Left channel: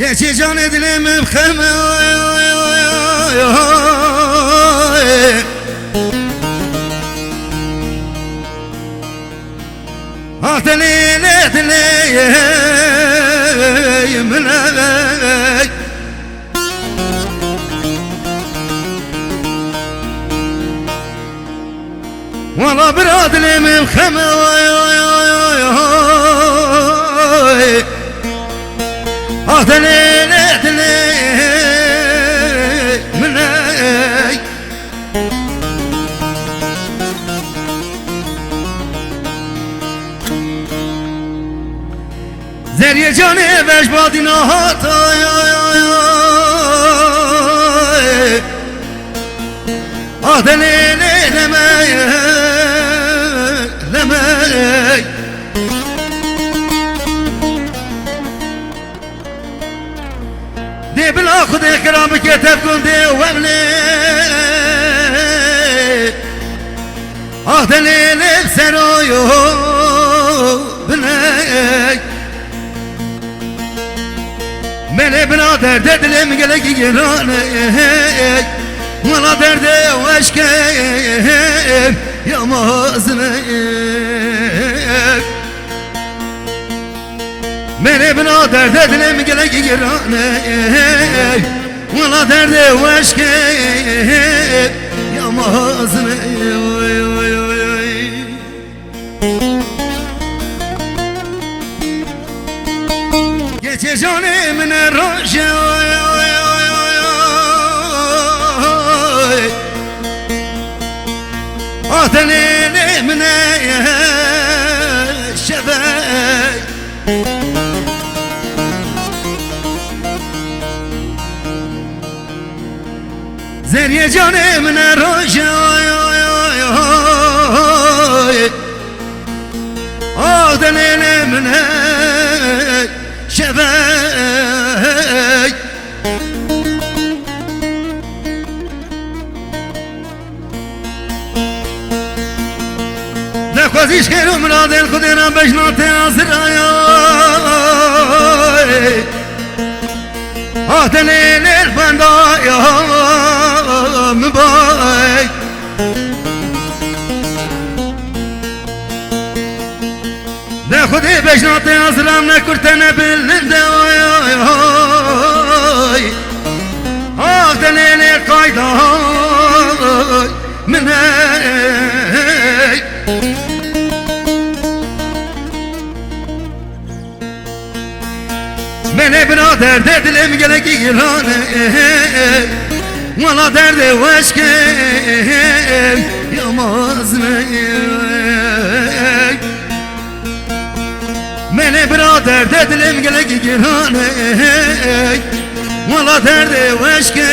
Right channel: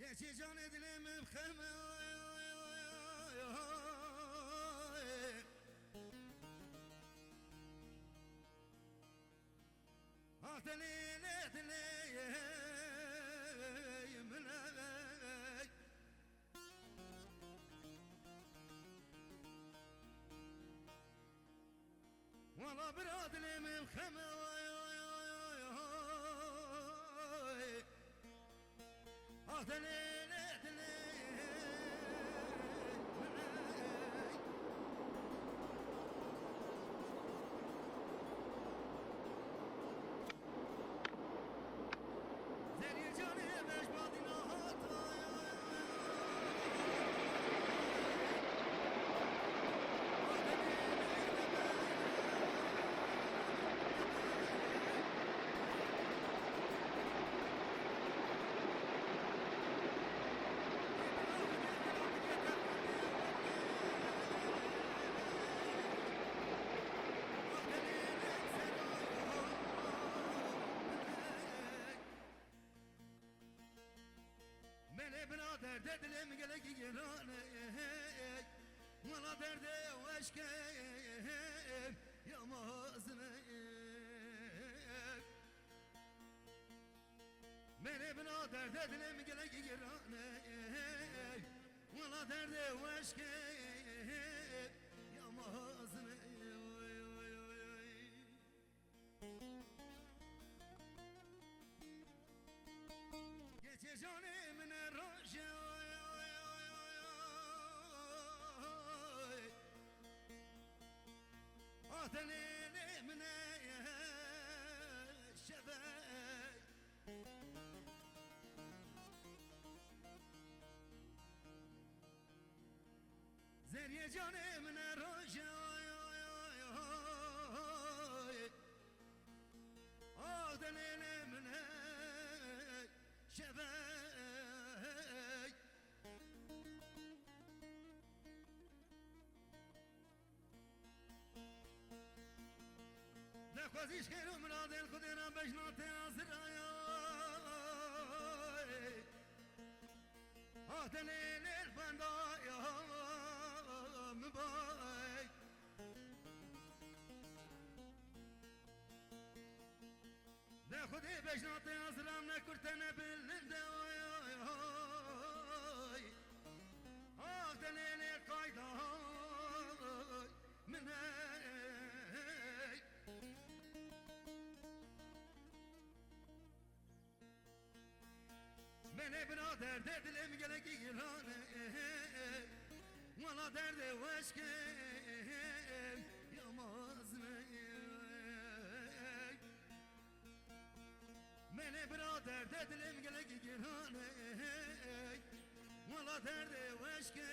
يا جان دلم بخمه هاتني ليدلي منك والله براد لي من خمه هاتني ليدلي منك زري جاني باش بادي نهات هاتني لمي دي بلا خد كرامك تبكون دي واملي هاتني لبسرويو بني من بنادر ددلم قلق جراني ولا دردي واشكي يا مازني من بنادر ددلم قلق جراني ولا دردي واشكي يا مازني جاني من الرجا أعطني من الشباب زين يا جاني من الرجا أعطني من شباي نخوزيش خيرو منادل خدنا بجناتي عزرايا هاتني للفندايا مباي ناخذ بجناتي عزرامنا كرتنا بالنداي هاتني للقايدة من هاي من برادر درد المقلق يراني ولا درد واشكي يا مازني من برادر ددلم قلق جراني ولا درد واشكي